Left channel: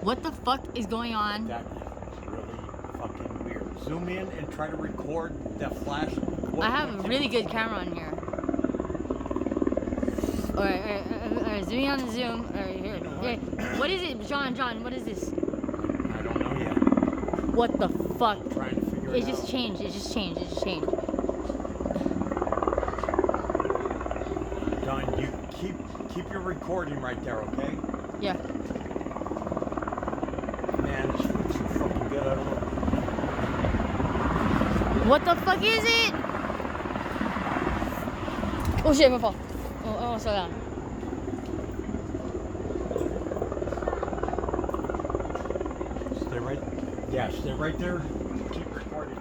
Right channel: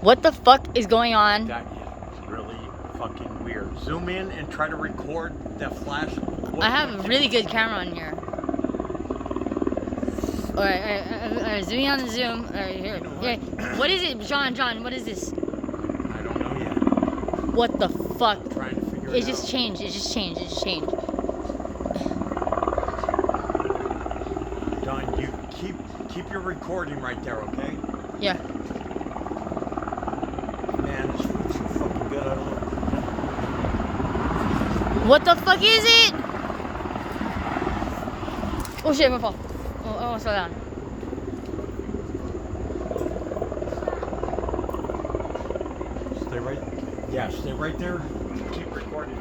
What the fuck is going on? That is really fucking weird. Zoom in and try to record the flash. I have a really good camera on here. Alright, zoom in on the zoom. Alright, here. You know what? Here. What is it, John, what is this? I don't know yet. What the fuck? I'm trying to figure it It out. just changed, it just changed. Don, you keep your recording right there, okay? Yeah. Man, this food's so fucking good. I don't know. What the fuck is it? Oh shit, I'm gonna fall. Oh, slow down. Stay right. Yeah, stay right there. Keep recording.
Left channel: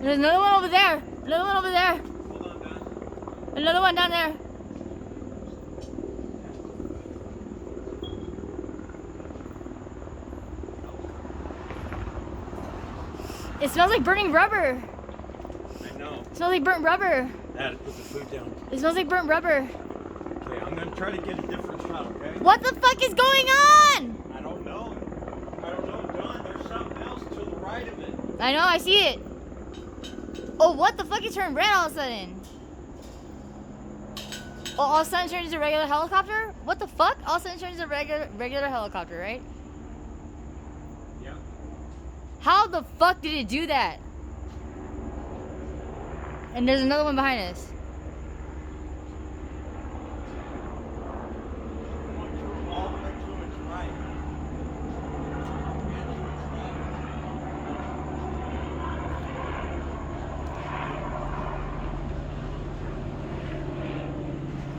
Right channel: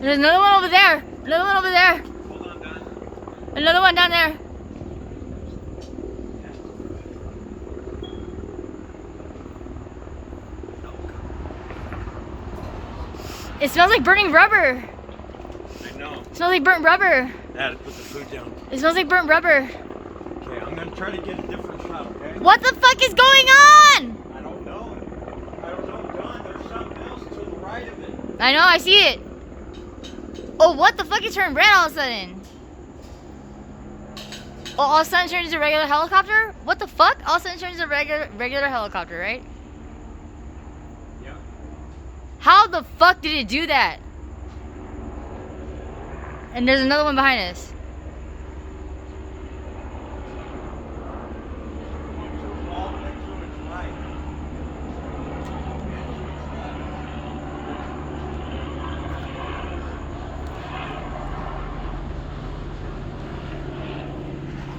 There's another one over there. Another one over there. Hold on, Don. Another one down there. It smells like burning rubber. I know. It smells like burnt rubber. Dad, put the food down. It smells like burnt rubber. Okay, I'm gonna try to get a different shot, okay? What the fuck is going on? I don't know. Don. There's something else to the right of it. I know, I see it. Oh, what the fuck? It turned red all of a sudden. Oh, all of a sudden it turned into a regular helicopter? What the fuck? All of a sudden it turns into a regular helicopter, right? Yeah. How the fuck did it do that? And there's another one behind us. All the way to its right.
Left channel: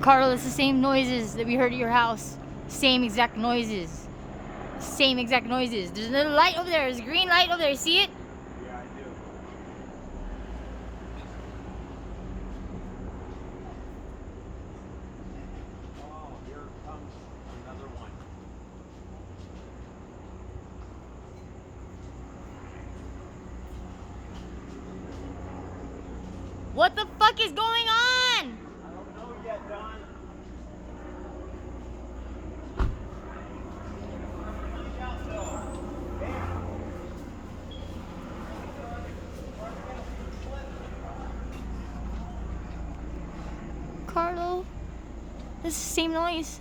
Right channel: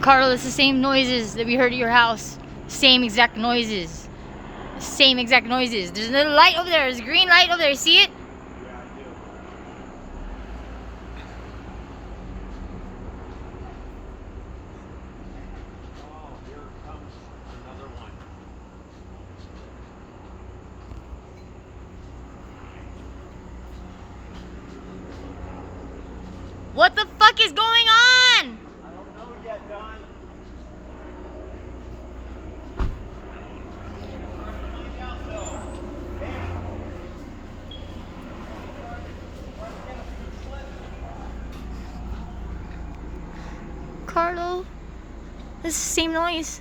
Carl, it's the same noises that we heard at your house. Same exact noises. Same exact noises. There's another light over there. There's a green light over there. See it? Yeah, I do. Oh, here comes another one. What the fuck is going on? I don't know yet, Don. Carlo, this is the same noise.